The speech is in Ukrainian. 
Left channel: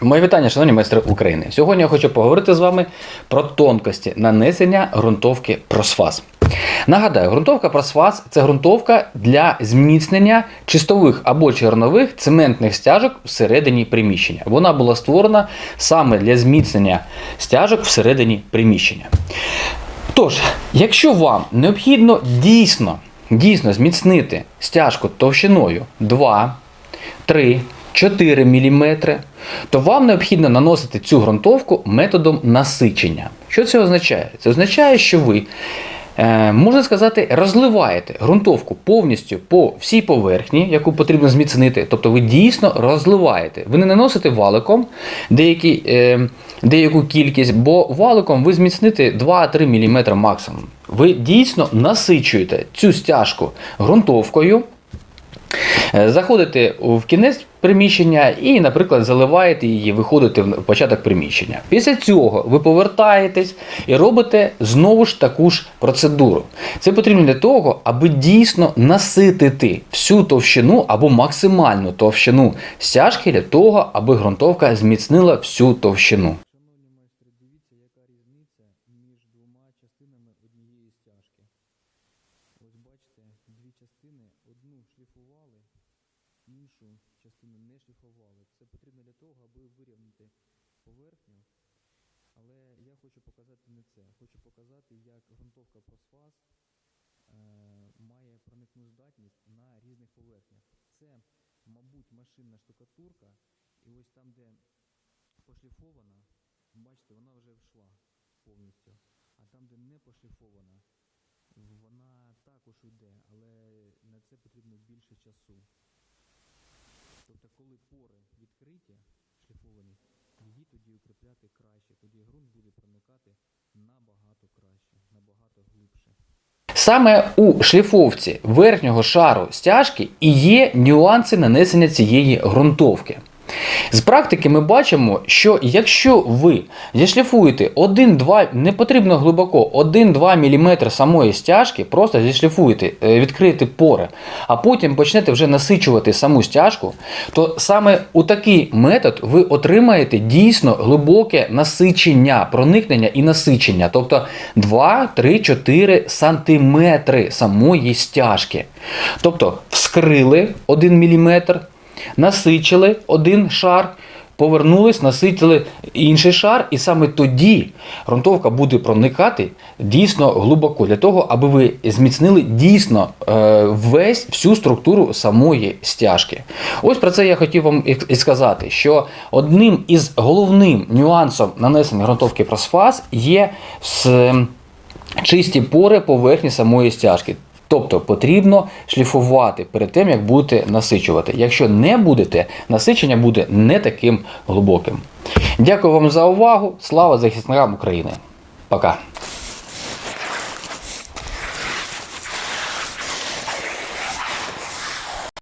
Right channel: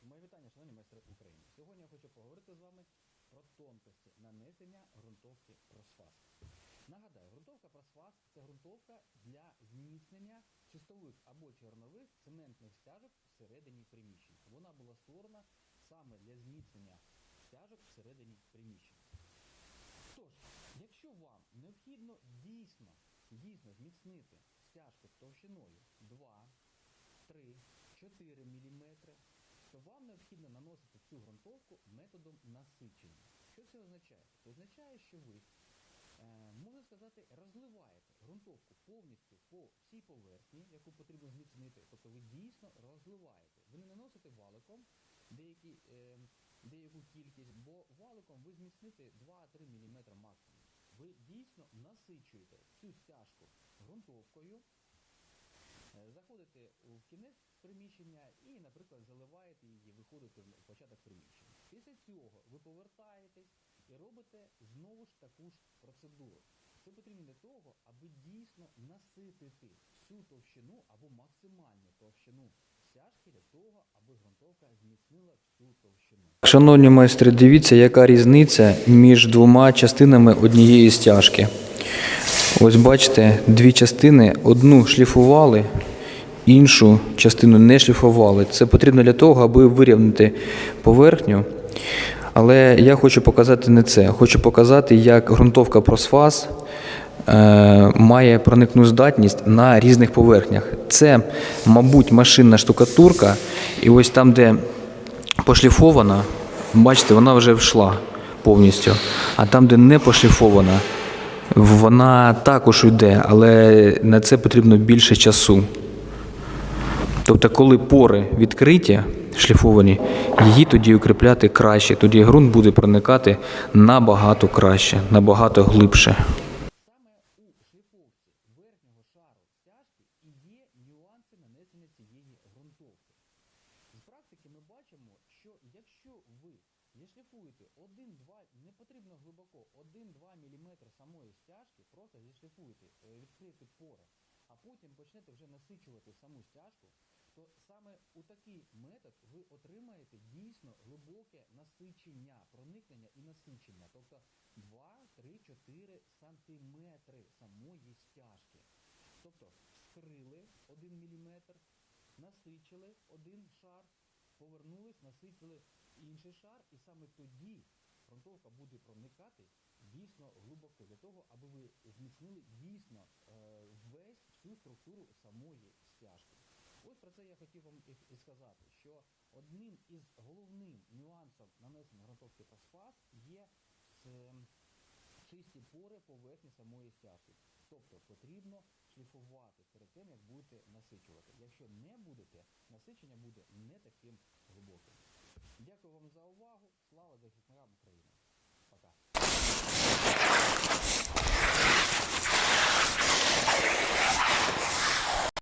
Мої вітання, шановні майстри України. Сьогодні я хочу поговорити з вами про тонкості нанесення ґрунтовки просфаз. Нагадаю, ґрунтовка просфаз це ґрунтовка для зміцнення чистових або чернових цементних стяжок всередині приміщення. Вона була створена саме для зміцнення стяжок всередині приміщення. Тож, якщо вам необхідно дійсно, дійсно зміцнити стяжку товщиною 2, 3, 4 мм, то вам необхідно наносити цю ґрунтовку методом насичення. Що це означає? Це означає, що ви, е, можна сказати, розливаєте ґрунтовку повністю по всій поверхні, яку потрібно зміцнити. Тобто ви дійсно розливаєте. Ви не наносите валиком деякі, е, деяку кількість, бо валиком ви зміцните 2-3 мм максимум. Ви дійсно насичуєте цю стяжку ґрунтовкою. Е, Заходите в кінець приміщення і, наприклад, заливаєте її, виходите в початок приміщення. Після цього ви повертаєтесь і робите знову ж таку ж процедуру. Це потрібно для того, аби дійсно наситити всю товщину або максимальну товщину стяжки для того, аби ґрунтовка зміцнила всю товщину. Шановні майстри, дивіться, яка різниця між двома частинами однієї стяжки. Ось бачите, дві частини, одну шліфували, іншу частину не шліфували. Це потрібно для того, аби вирівняти поверхню. Але я хочу показати не це. Хочу показати, як ґрунтовка просфаз е, має проникну здатність на різних поверхнях. Це, мабуть, машинна штукатурка, і ось там, де пошліфована, бачите, вона вже вшла повністю. А там, де не пошліфована, вона також йде, але на це потрібно більше часу. Тобто, коли пори відкриті, шліфовані, її тоді укріпляти краще, тоді ґрунт буде проникати набагато краще, набагато глибше. Саме у шліфовці верхнього шару стяжки і є нюанси нанесення цієї ґрунтовки. З практики ми бачимо, що якщо ви зішліфуєте 1-2, не потрібно глибоко, 1-2 мм самої стяжки, просто зішліфуєте, е, відкриєте пори, а потім почнете вже насичувати саму стяжку, то саме у такий метод ви отримаєте дійсно глибоке насичення, проникнення і насичення, тобто 2, 3, 4 сантиметри самої стяжки. Тобто вскрили 1 мм, насичили один шар, повернулись, насичили інший шар, і саме тоді ґрунтовка буде проникати дійсно глибоко, для того, аби ви зміцнили дійсно е, весь всю структуру самої стяжки. Ось про це я хотів вам і- сказати, що одним із головним нюансом нанесення ґрунтовки просфаз є чисті пори поверхні самої стяжки. Тобто потрібно шліфувати перед тим, як будете насичувати. Якщо не будете, насичення буде не таким глибоким. Дякую вам за увагу. Слава захисникам України. Пока.